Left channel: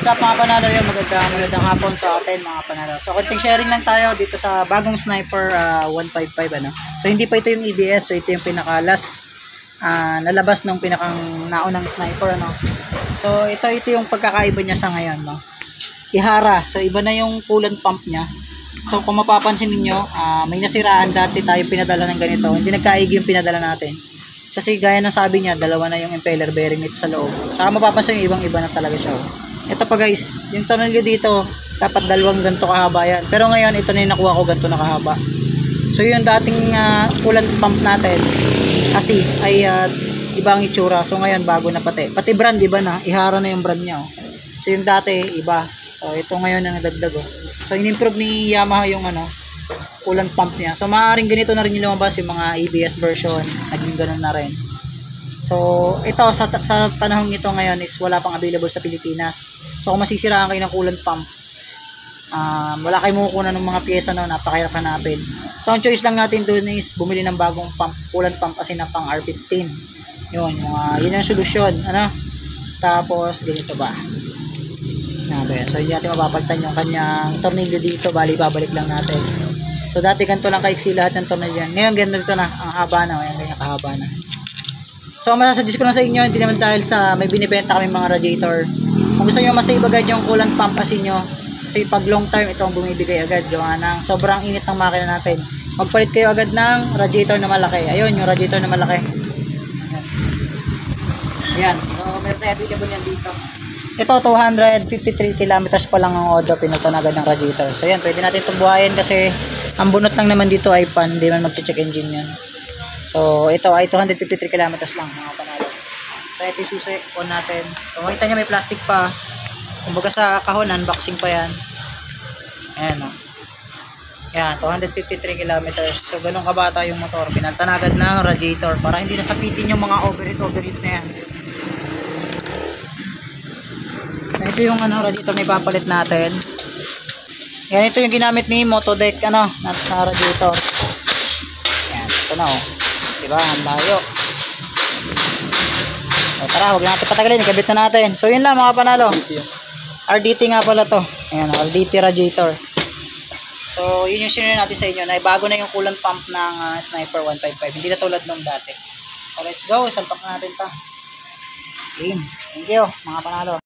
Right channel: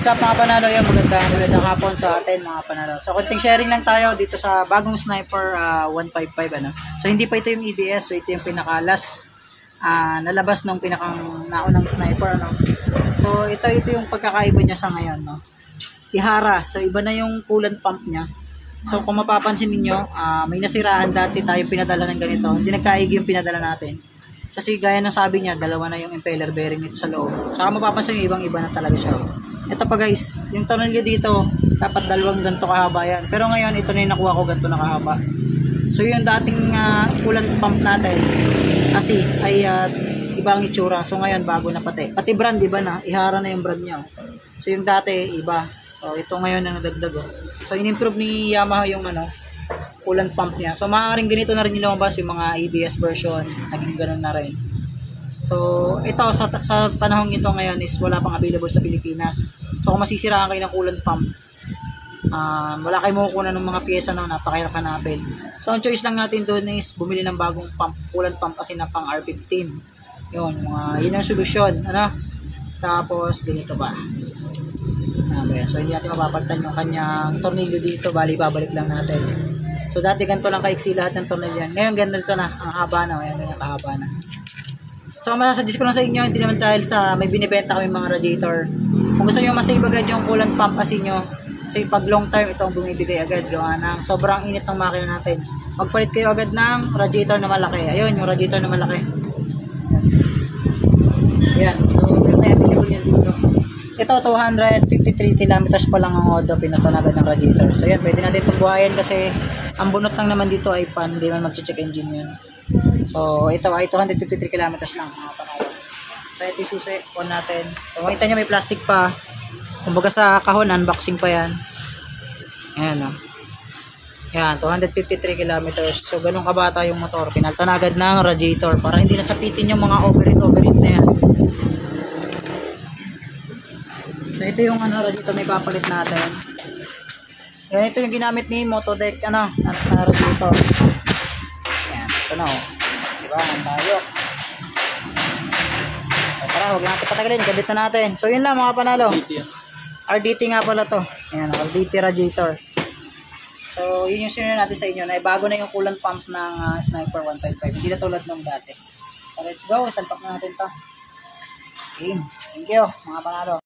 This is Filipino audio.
What's up mga panalo, yun, magandang hapon sa atin mga panalo. So konting sharing lang tayo dito sa bagong Sniper 155 ano. So hindi pa ito yung EBS, so ito yung pinaka-last nalabas ng pinakang naunang Sniper ano. So ito yung pagkakaiba niya sa ngayon no. Ihara, so iba na yung coolant pump niya. So kung mapapansin niyo, may nasiraan dati tayo pinadala ng ganito. Hindi nagkaigi yung pinadala natin. Kasi gaya ng sabi niya, dalawa na yung impeller bearing nito sa loob. Saka mapapansin yung ibang-iba na talaga siya. Ito pa guys, yung tornilyo dito, dapat dalawang ganito kahaba yan. Pero ngayon, ito na yung nakuha ko, ganito na kahaba. So yung dating coolant pump natin, kasi ay ibang itsura. So ngayon, bago na pati. Pati brand, iba na. Ihara na yung brand niya. Oh. So yung dati, iba. So ito ngayon ang nadagdag. Oh. So in-improve ni Yamaha yung coolant pump niya. So maaaring ganito na rin yung lumabas yung mga ABS version. Naging ganun na rin. So ito sa panahong ito ngayon is wala pang available sa Pilipinas. So kung masisiraan kayo ng coolant pump, wala kayong makukuha ng mga pyesa no, napakahirap hanapin. So ang choice lang natin doon is bumili ng bagong pump, coolant pump kasi na pang R15. Yun yung solusyon, ano? Tapos ganito ba? So hindi natin mapapalitan yung kanyang tornilyo dito, bali babalik lang natin. So dati ganito lang kaiksi lahat ng tornilyo. Ngayon ganito na, ang haba na, ayan ganyan kahaba na. So masasuggest ko lang sa inyo, hindi naman dahil sa may binibenta kami mga radiator. Kung gusto niyo ma-save agad yung coolant pump kasi nyo, kasi pag long term ito ang bumibigay agad gawa ng sobrang init ng makina natin. Magpalit kayo agad ng radiator na malaki. Ayun yung radiator na malaki. Ayan. So meron tayo available yan dito. Ito 253 kilometers pa lang ang odo, pinuton agad ng radiator. So yan, pwede natin itong buhayin kasi ang bunot lang naman dito ay pan, hindi man mag-check engine yun. So ito ay 253 kilometers lang mga panalo. So ito yung susi, on natin. So makita nyo may plastic pa. Kumbaga sa kahon, unboxing pa yan. Ayan o. Yan, 253 kilometers. So ganun kabata yung motor. Pinaltan agad ng radiator para hindi nasapitin yung mga overheat na yan. Ito yung radiator na ipapalit natin. Yan, ito yung ginamit ni Motodeck na radiator. Yan, ito na oh. Diba, ang layo. So, tara, huwag natin patagalin, kabit na natin. So yun lang mga panalo. RDT nga pala to. Ayan, RDT radiator. So yun yung sinunod natin sa inyo na bago na yung coolant pump ng Sniper 155. Hindi na tulad nung dati. So let's go, salpak na natin to. Okay, thank you mga panalo.